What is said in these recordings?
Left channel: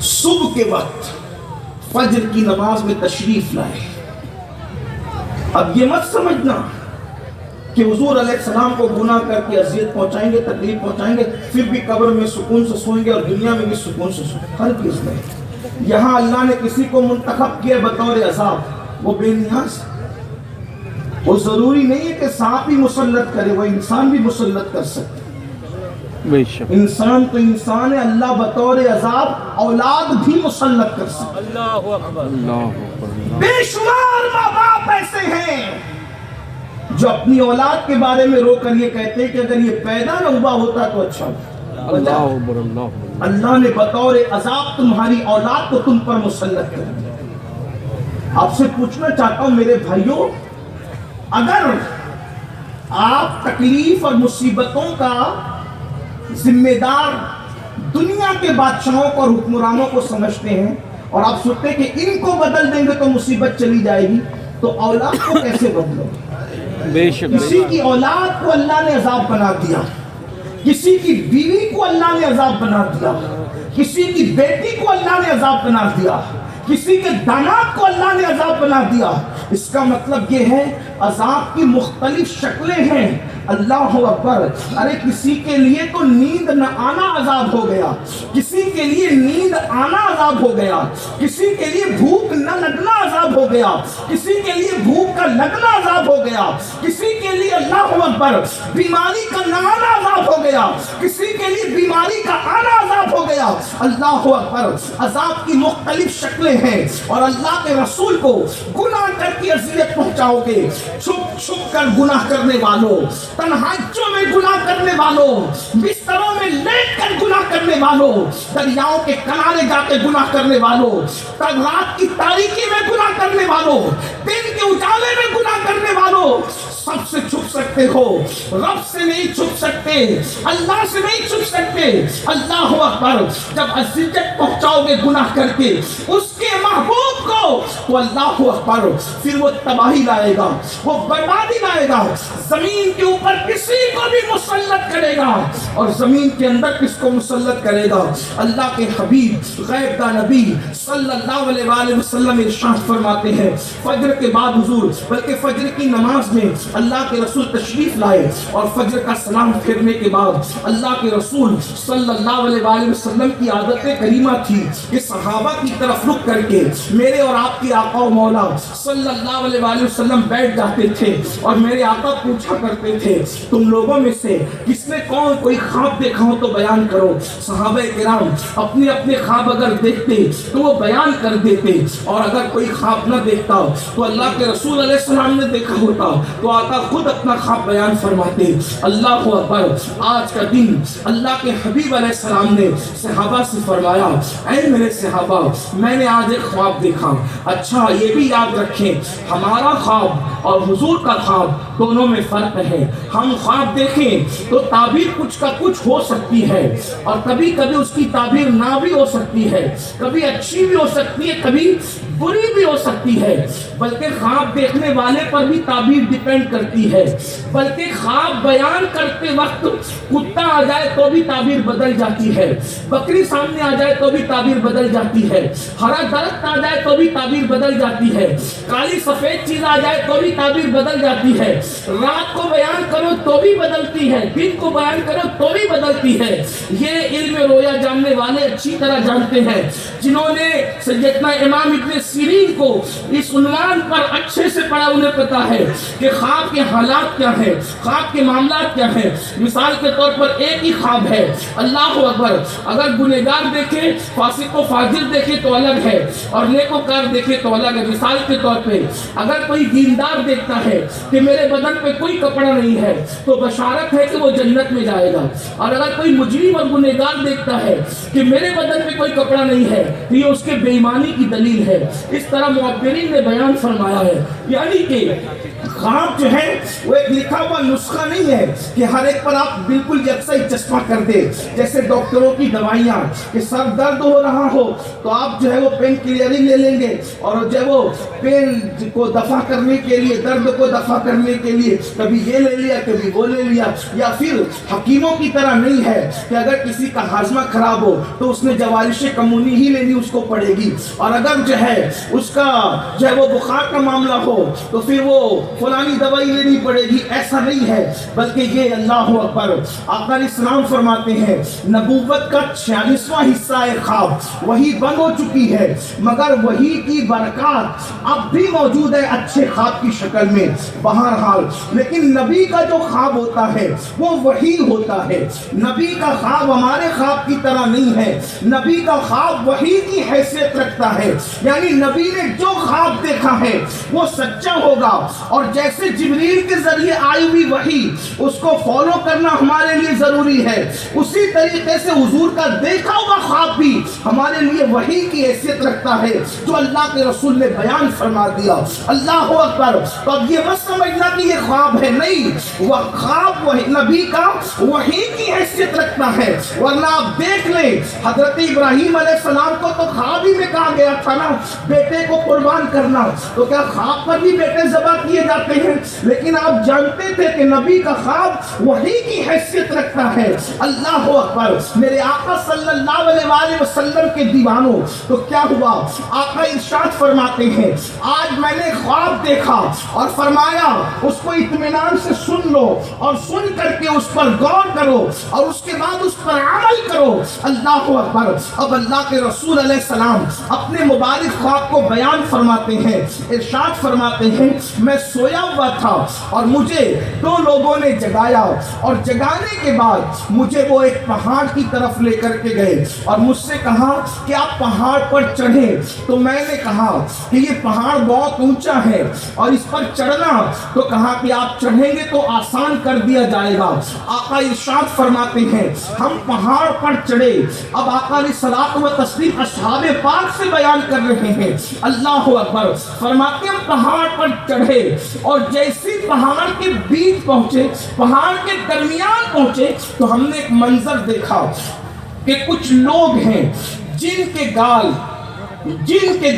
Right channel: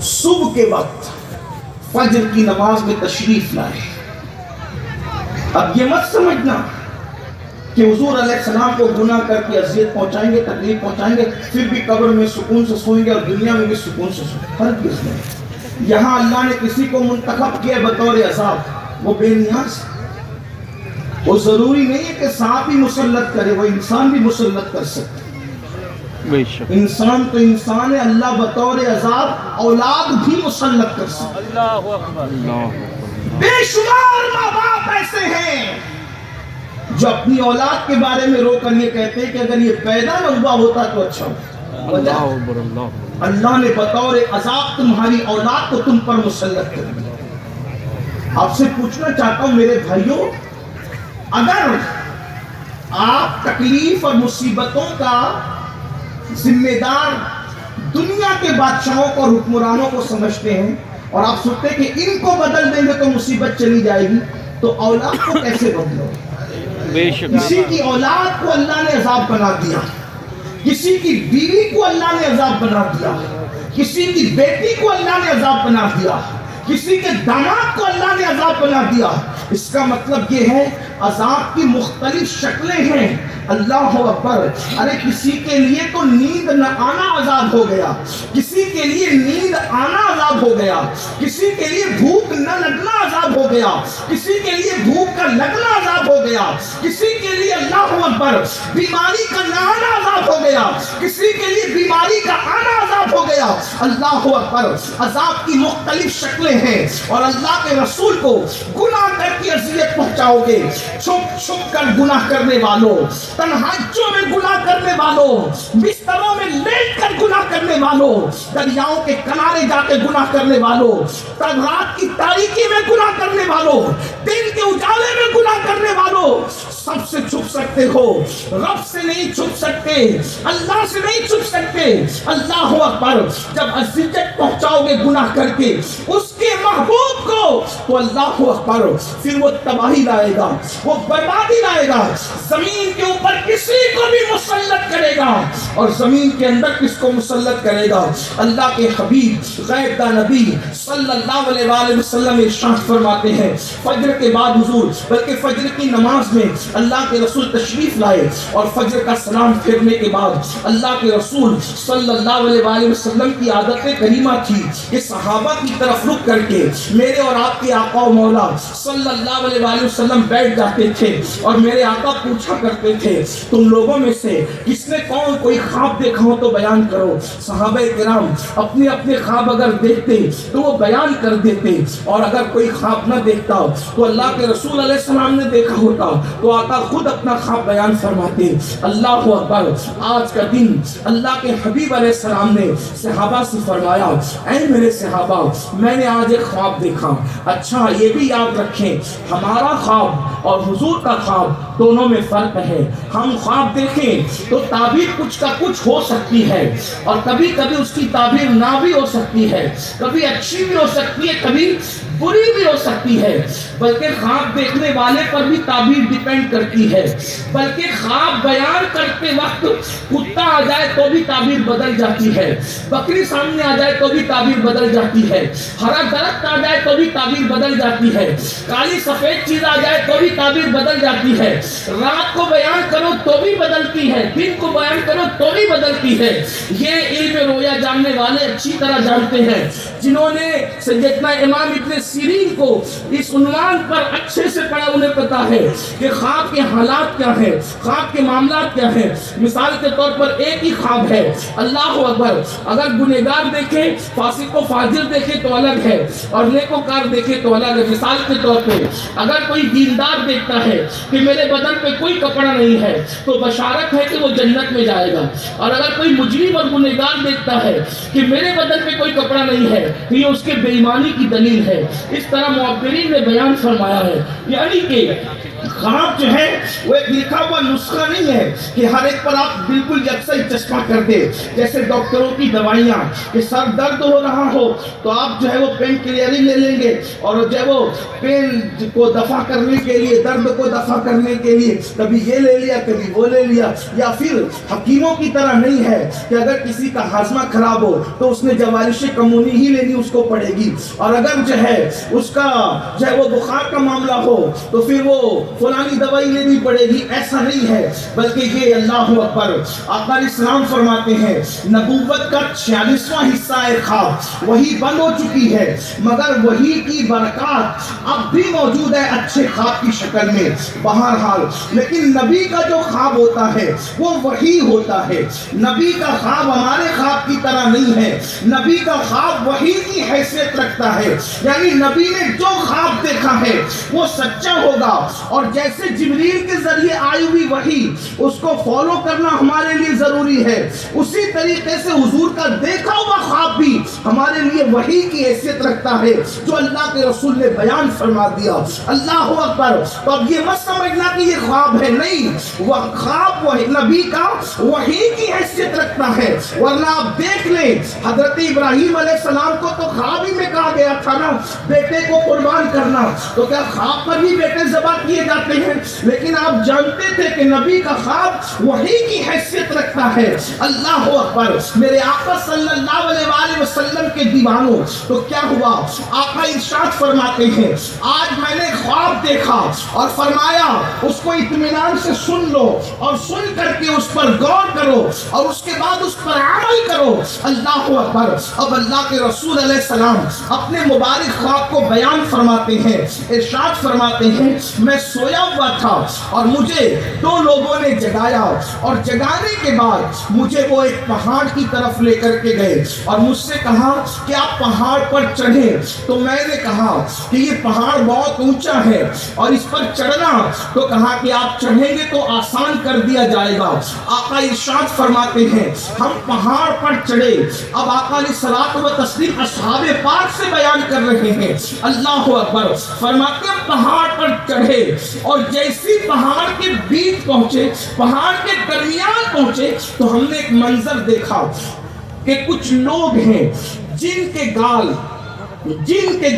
صبح کے وقت فجر کی نماز میں تشریف لائے. اب یہ مت سمجھنا کہ حضور علیہ السلام کو گناہ کر کے اذیت پہنچائیں گے, تکلیف پہنچائیں گے, پھر بھی قبر میں سکون سے سوئیں گے اور دنیا میں بھی سکون سے سوئیں گے. ہرگز نہیں. یہاں اللہ نے کسی کو منتخب کیا بطور عذاب, وہ بے نیاز. وہ ضروری نہیں ہے کہ سانپ ہی مسلط کرے, وہ انسان بھی مسلط کر سکتا ہے. انسان تو انسان ہے, اللہ بطور عذاب اولاد بھی مسلط کر سکتا ہے. اللہ اکبر. بے شمار ماں باپ ایسے ہیں جو اپنی اولاد کے بارے میں رو کر یہ کہتے ہیں کہ اگر یہ پیدا نہ ہوا ہوتا تو اچھا ہوتا. اللہ نے بطور عذاب تمہاری اولاد کو تم پر مسلط کر دیا. آپ سے پوچھنا چاہتا ہوں میرے بھائیوں, اگر آپ تکلیف اور مصیبتوں کا ذمہ دار دنیا کے بادشاہوں کو اور حکمرانوں کو سمجھتے ہیں اور آپ سوچتے ہیں کہ ان کو بدل دیں گے تو مصیبت چلی جائے گی, تو اولاد کو کیسے بدلو؟ کسی کی اولاد کو اللہ نے عذاب بنا دیا, کسی کی بیوی کو اللہ نے عذاب بنا دیا, کسی کی بیٹی کو اللہ نے عذاب بنا دیا, کسی کے داماد کو اللہ نے عذاب بنا دیا. اس کا مطلب یہ ہے عذاب کی مختلف شکلیں ہیں. اللہ اکبر. ارے کسی کے لیے تو نیند نہ آنا عذاب ہو گیا, کسی کے لیے نیند آنا عذاب ہو گیا, کسی کے لیے بھوک نہ لگنا عذاب ہو گیا, کسی کے لیے بھوک کا لگنا عذاب ہو گیا, کسی کے لیے اللہ اکبر بیماری کا نہ آنا عذاب ہو گیا, کسی کے لیے بیماری کا آنا عذاب ہو گیا. اللہ اکبر. عذاب کی مختلف شکلیں ہیں اور اللہ کے رسول کو گناہ کر کے اذیت پہنچاؤ گے. چھپ چھپ کر گناہ کرنے والوں, تنہائیوں میں گناہ کرنے والوں, بستروں میں لیٹ کر گناہ کرنے والوں, دریاؤں کے کنارے جا کے گناہ کرنے والوں, رات کی تاریکی میں گناہ کرنے والوں, دن کے اجالے میں گناہ کرنے والوں, سب سے چھپ سکتے ہو, رب سے نہیں چھپ سکتے, اللہ سے نہیں چھپ سکتے. اللہ اکبر. جب اذیت پہنچاؤ گے گناہ کر کے اس کے محبوب کو, تو اللہ اکبر پھر وہ تباہی لائے گا, وہ بربادی لائے گا. زمین کے اوپر کسی کو بھی مسلط کرے گا اور زمین کے اندر کس کو مسلط کرے گا؟ اللہ کے حبیب غیب دا نبی صلی اللہ علیہ وآلہ وسلم ارشاد فرماتے ہیں, فجر کے بعد حضور, بلکہ فجر کی نماز میں اللہ کے رسول تشریف لائے اور فجر کا سلام پھیرنے کے بعد اللہ کے رسول صلی اللہ علیہ وآلہ وسلم کی عادت کریمہ تھی کہ صحابہ کی طرف رخ کر کے میرے اور آپ کے آقا و مولا صلی اللہ علیہ وآلہ وسلم بیٹھ جاتے تھے اور میرے آقا پوچھا کرتے تھے, تم لوگوں میں سے کس نے کوئی خواب دیکھا ہو تو بیان کرو. صحابہ کرام اپنے اپنے خواب اگر دیکھتے تو وہ بیان کر دیتے, اور اگر کوئی خواب نہ دیکھتا تو اللہ کے رسول علیہ السلام نے دیکھا ہوتا تو آقا خود اپنا خواب بیان فرماتے. اللہ اکبر. آج کا دن اللہ کے حبیب علیہ السلام نے صحابہ سے فرمایا, اے میرے صحابہ, میں نے آج ایک خواب دیکھا. اچھا یہ بھی یاد رکھیں, ہمارا خواب اور حضور کا خواب دونوں میں فرق ہے. ہم خواب دیکھیں تو تعبیر کچھ کا کچھ ہو سکتی ہے اور کبھی کبھی اس کی تعبیر نہ بھی ہو سکتی ہے, کبھی اچھی بھی ہو سکتی ہے, کبھی بری بھی ہو سکتی ہے. بلکہ خواب دیکھنے والے پر بھی تعبیر ڈیپینڈ کرتی ہے. بلکہ خواب بیان کرتے وقت کتا آ جائے تو بھی تعبیر بدل جاتی ہے, بکری سامنے آ جائے تو بھی تعبیر بدل جاتی ہے, ہرا درخت آ جائے تو بھی تعبیر بدل جاتی ہے, کالی سفید چیز آ جائے تو بھی تعبیر بدل جاتی ہے, رات کو بیان کرو تو بھی بدلتی ہے, دن کو بیان کرو تو بھی بدلتی ہے. یہ علم رویا جاننے والے اچھی طرح جانتے ہیں. جنہوں نے سیدنا امام ابن سیرین کو اس عنوان پر اچھے سے پڑھا, انہیں پتا ہے کہ خواب کے حالات کیا ہیں, خواب کے معاملات کیا ہیں. مثال کے طور پر ایک ہی خواب ہے, اللہ اکبر, اگر گنہگار دیکھے, فاسق و فاجر دیکھے تو الگ ہے اور نیکوکار دیکھے تو الگ ہے. مثال کے طور پہ اگر کوئی دیندار دیکھتا ہے کہ میرے بدن پہ کوئی کپڑا نہیں ہے تو بشارت ہے کہ وہ جنت میں جائے گا, اور اگر کوئی مجرم اور گنہگار دیکھتا ہے کہ میرے بدن پہ کوئی کپڑا نہیں ہے تو یہ اس کے بے ایمانی کی دلیل ہے. اس طرح معبرین نے بیان فرمایا ہے, یعنی کہ خواب جو ہے وہ ایک لکھا ہوا نسخہ نہیں ہے کہ ہر ایک پر آپ بالکل یکساں چشمہ کر دے. جیسے ڈاکٹروں کی دوائیاں کہ سر درد ہو رہا ہو تو آپ جو ہے وہ پین کلیئرنگ لے لیں گے اور جو ہے وہ پین کو دفع کرنے کے لیے, درد کو دفع کرنے کے لیے کبھی یہ لے لیا کبھی وہ لے لیا. یا پھر حکیموں کی طرح نہیں ہے کہ اگر کسی کا ہاضمہ خراب ہو تو اس نے جوارش کمونی ہی لینی اس کو پڑے گی, اور اگر جو ہے اس کا جو ہے وہ بخار کا معاملہ ہو تو پھر وہ فلانی دوائی لینی پڑے گی. ایسا نہیں ہے, بلکہ یہ اللہ اکبر آقا علیہ السلام فرماتے ہیں نبوت کا 46واں حصہ خواب وہی بند ہو چکی ہے, مگر وہی کی برکات اب بھی موجود ہے اچھے خواب کی شکل میں. بہرحال لیکن نبی کا جو خواب ہوتا ہے وہ وہی ہوتا ہے. نبی کا خواب ہمارے خواب کی طرح نہیں ہے, نبی کا خواب وہی کی حیثیت رکھتا ہے. یعنی نبی نے جو خواب دیکھا ہے وہ سچا ہوگا, اور جیسے جبریل کے ذریعے آئی ہوئی وحی اس کو فالو کرنا ہمارے لیے ضروری ہے, اسی طریقے سے حضور کا دیکھا ہوا خواب بھی ہمارے لیے وحی کی حیثیت رکھتا ہے جو اللہ کے رسول نے بیان فرما دیا. اللہ اکبر. تو اب یہ مت سمجھنا کہ یہ خواب ہے, نہیں, وہ خواب وہی نبی کا وحی کی حیثیت رکھتا ہے. ورنہ آپ دیکھ لیں حضرت ابراہیم علیہ السلام کو تو خواب ہی میں کہا گیا تھا نا بیٹے کو قربان کرنا, تو کیا خواب پر بھی بیٹے ذبح کیے جاتے ہیں؟ لیکن آپ جانتے تھے کہ نبی کا خواب وحی کی حیثیت رکھتا ہے. اللہ اکبر. میرے آقا صلی اللہ علیہ وآلہ وسلم کے دیوانوں, تو کیا ہوا؟ آقا ارشاد فرماتے ہیں آج میں نے خواب دیکھا اور فرمایا اس کو اطمینان سے سن لو, اور سن کر کے اس پر غور کرو اور اس کے بعد اس پر عمل کرو. اللہ اکبر. اب اللہ کے رسول علیہ السلام اپنے مبارک خواب کو بیان فرماتے ہیں, ارشاد فرماتے ہیں میں سویا ہوا تھا اور مجھے 2 لوگوں نے جگایا, اور جگانے کے بعد مجھے وہ ایک پہاڑ کی طرف لے کر کے گئے اور مجھ سے کہا کہ آپ پہاڑ پر چڑھیں. تو میں نے کہا کہ یہ پہاڑ بہت اونچا ہے اور اس پر چڑھنا, تو کہا کہ آپ چڑھیں گے تو آسان کر دیا جائے گا. آقا ارشاد فرماتے ہیں ہم پہاڑ پر چڑھے. اب آقا علیہ الصلوۃ والتسلیم اصحاب پاک سے بیان کر رہے ہیں. اللہ اکبر. فرماتے ہیں پہاڑ پر چڑھے اور جیسی پہاڑ کے بیچ پہنچے, پہاڑ کے درمیان پہنچے, تو ہم نے ایک منظر دیکھا کہ کچھ لوگ ہیں جن کے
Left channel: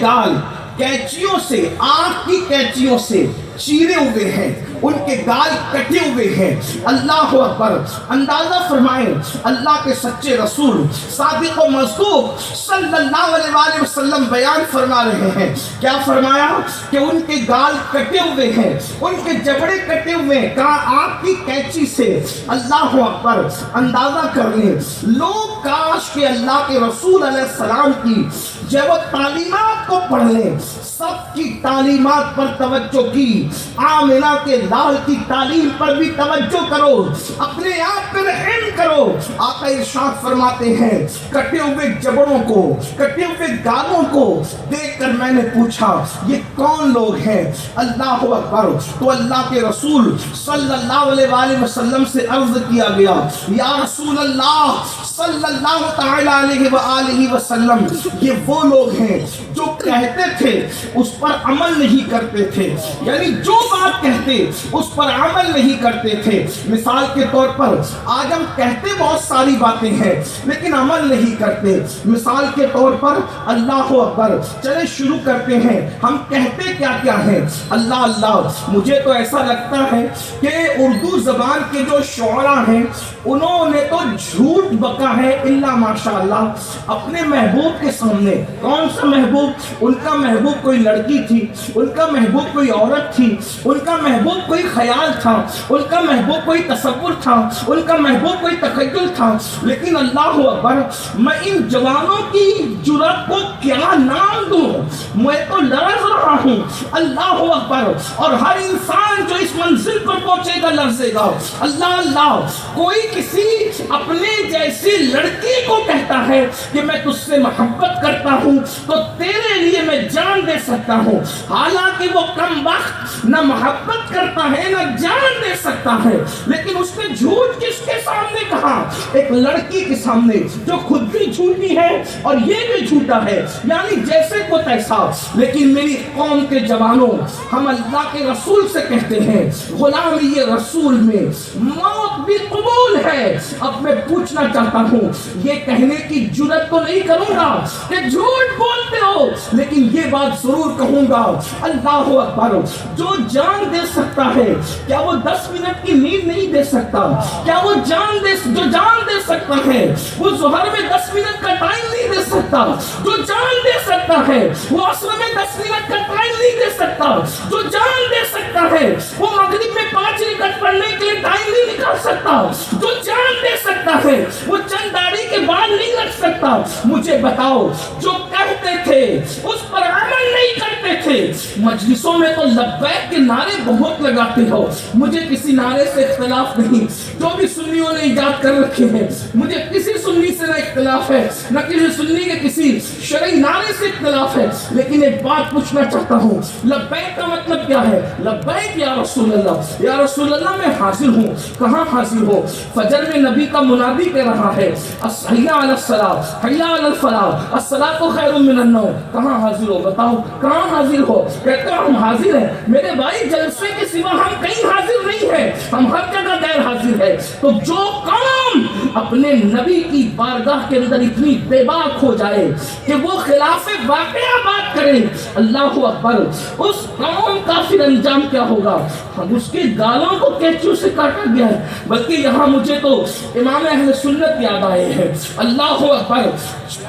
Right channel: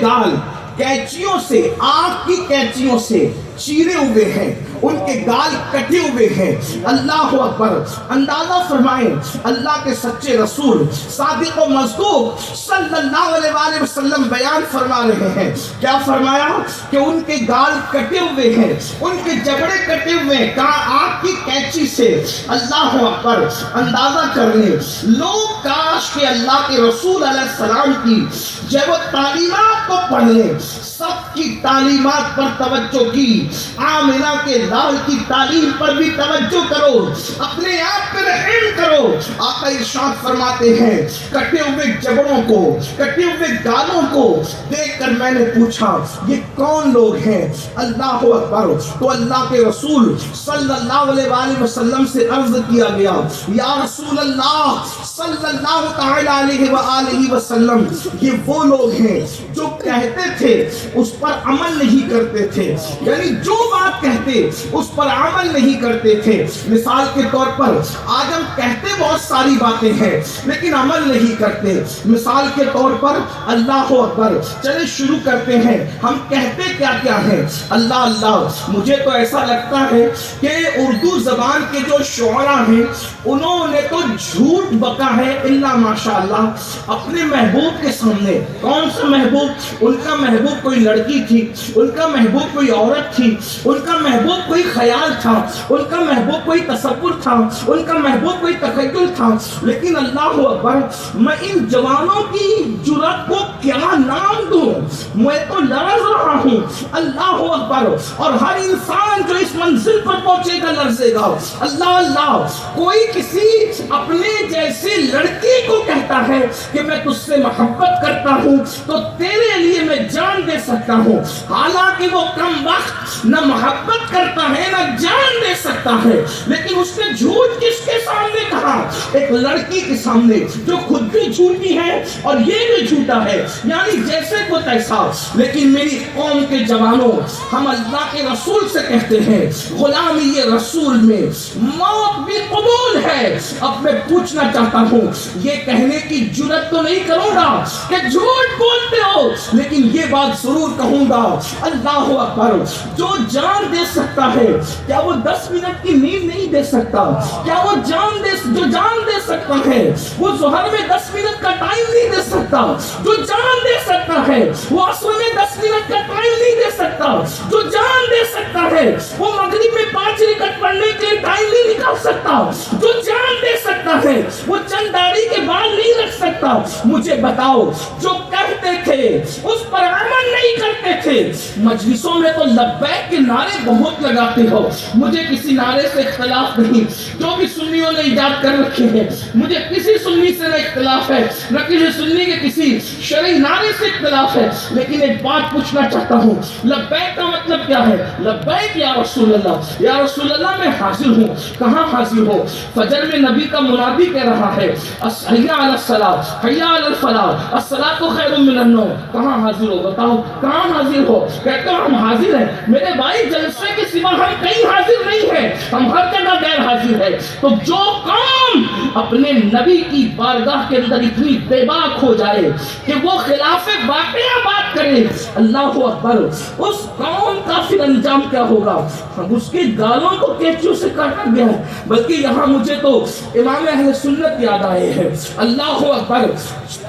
گال کینچیوں سے, آگ کی کینچیوں سے چیرے ہوئے ہیں, ان کے گال کٹے ہوئے ہیں. اللہ اکبر. اندازہ فرمائیں اللہ کے سچے رسول صادق و مصدوق صلی اللہ علیہ وآلہ وسلم بیان فرما رہے ہیں. کیا فرمایا کہ ان کے گال کٹے ہوئے ہیں, ان کے جبڑے کٹے ہوئے ہیں, کہا آگ کی کینچی سے. اللہ اکبر. اندازہ کر لیں لوگ کاش کہ اللہ کے رسول علیہ السلام کی جب تعلیمات کو پڑھ لیں, سب کی تعلیمات پر توجہ کی, آمنہ کے لال کی تعلیم پر بھی توجہ کرو, اپنے آپ پر رحم کرو. آقا ارشاد فرماتے ہیں کٹے ہوئے جبڑوں کو, کٹے ہوئے گالوں کو دیکھ کر میں نے پوچھا یہ کون لوگ ہیں؟ اللہ اکبر. تو اللہ کے رسول صلی اللہ علیہ وآلہ وسلم سے عرض کیا گیا یا رسول اللہ صلی اللہ تعالی علیہ وآلہ وسلم, یہ وہ لوگ ہیں جو کہتے تھے اس پر عمل نہیں کرتے تھے, یعنی جو بات کہتے اس پر عمل نہیں کرتے تھے. مثال کے طور پر آج ہم کہتے بہت ساری باتیں ہیں لیکن عمل نہیں کرتے. مثال کے طور پر اللہ اکبر. چلے شروع کرتے ہیں. ہم کہتے کیا کیا ہیں؟ اللہ اللہ. مجھے تو ایسا لگتا ہے کہ اردو زبان کے جو شعراء ہیں انہوں نے تو جھوٹ بکا ہے الا ماشاءاللہ اپنے محبوب کے سامنے. کون سا محبوب؟ ان کا محبوب کوئی لڑکی تھی, ان کا محبوب کوئی عورت تھی, ان کا محبوب کوئی خیال تھا, ان کا محبوب کوئی تصور تھا, ان کا محبوب کوئی تخیل تھا. لیکن اللہ اکبر, میں ان جوانوں کی جرأت کو کیا نام دوں؟ میں تو لرز رہا ہوں. اللہ اکبر. اور ہر انسان جو اس منزل پر پہنچے گا لرزے گا. اللہ اللہ. کوئی کسی اپنے جیسی لڑکی کو کہتا ہے کہ میں تجھ سے محبت کرتا ہوں تو تیرے لیے میں جان جان دے سکتا ہوں، حالانکہ وہ کم وقت نہ محبت کرتا ہے نہ جان دے سکتا ہے، لیکن اس نے جھوٹ کس کے سامنے کہا؟ ایک لڑکی کے سامنے جو خود بھی جھوٹی ہے اور یہ بھی جھوٹا ہے، یعنی جیسے کو تیسا۔ لیکن میری قوم کے جوانوں، ہم اللہ کے رسول سے کہتے ہیں غلامی یہ رسول میں موت بھی قبول ہے۔ اب میں پوچھنا چاہتا ہوں، یہ کہنے کی جرات تو نہیں کروں گا کہ جھوٹ بولتے ہو، لیکن یہ بات ضرور کہوں گا، اللہ اکبر، جو جان دے سکتا ہے کیا وہ 10 منٹ کی نیند نہیں دے سکتا؟ کیا وہ جو جان دے سکتا ہے وہ ظہر میں 10 منٹ کا ٹائم نہیں دے سکتا؟ جو جان دے سکتا ہے وہ عصر میں 10 منٹ کا ٹائم نہیں دے سکتا؟ جو جان دے سکتا ہے وہ مغرب میں 5 رکعت پڑھنے کے لیے ٹائم نہیں نکال سکتا؟ جو جان دے سکتا ہے وہ چند داڑھی کے بال نہیں رکھ سکتا؟ مجھے بتاؤ، جو کہتے تھے اس پر عمل نہیں کرتے تھے، مجلسوں میں تو لبیک کے نعرے بہت لگاتے ہو، مجھے کسی نعرے سے اختلاف نہیں، جو بھی سنیوں نے ایجاد کر رکھے ہیں، مجھے کسی سنی سے نہ اختلاف ہے، نہ کسی سنی کے کسی شرعی نعرے سے اختلاف ہے، لیکن ایک بات پوچھنا چاہتا ہوں، لبیک کا مطلب کیا ہے؟ لبیک یا رسول اللہ، یا رسول اللہ میں حاضر ہوں۔ کہاں حاضر ہو؟ فجر میں نبی کا منادی کہہ رہا ہے حی علی الصلاۃ حی علی الفلاح الصلاۃ خیر من النوم، کہاں حاضر ہو؟ بتاؤ کہاں حاضر ہو؟ کہتے ہو ہم حاضر ہیں، میرے بھائی جلسے کے سوا ہم کہیں حاضر نہیں ہیں، ہم ہر جگہ غیر حاضر ہیں۔ تو جو قوم اپنے نبی کی بارگاہ کے اندر اتنی بے باک ہو جائے کہ وہ خلاف واقعہ بات کرے، اللہ اکبر، اس قوم کا پھر انجام کیا ہوگا؟ ہم اس کی گالوں کو کیچو سے کاٹا گیا ہے، بلکہ یہاں مجھے تو امام اہل سنت یاد آئے ہیں، اللہ اکبر،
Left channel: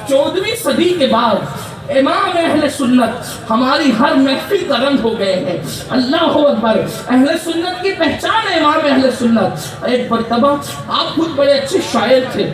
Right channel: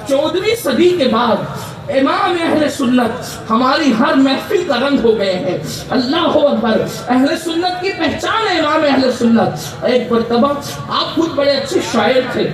14ویں صدی کے بعد امام اہل سنت ہماری ہر محفل کا رنگ ہو گئے ہیں، اللہ اکبر، اہل سنت کی پہچان ہے امام اہل سنت۔ ایک مرتبہ آپ خود بڑے اچھے شاعر تھے،